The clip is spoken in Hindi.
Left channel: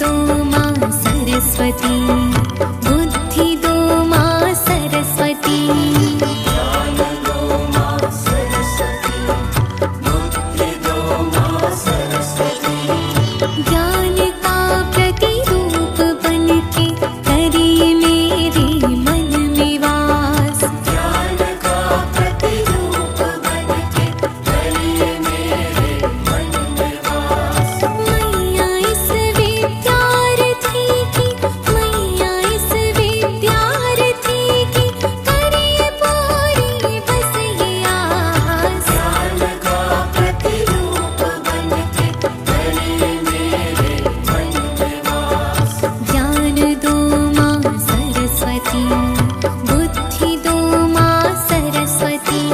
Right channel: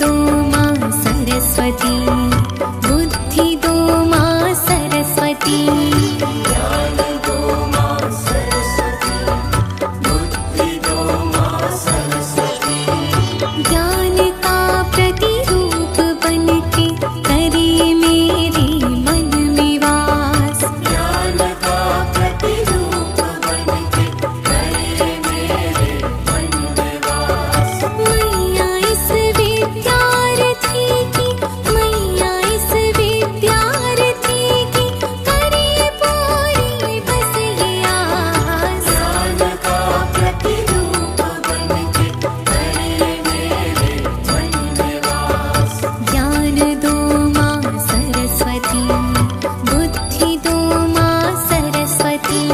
दो माँ सरस्वती, बुद्धि दो माँ सरस्वती। ज्ञान दो माँ सरस्वती, बुद्धि दो माँ सरस्वती। ज्ञान का प्रतिरूप बनके करिए मेरे मन में वास। ज्ञान का प्रतिरूप बनके करिए मेरे मन में वास। मैया इस विद्यार्थी की, मैया इस विद्यार्थी की करिए पूरी बस ये आस। ज्ञान का प्रतिरूप बनके करिए मेरे मन में वास। ज्ञान दो माँ सरस्वती, बुद्धि दो माँ सरस्वती।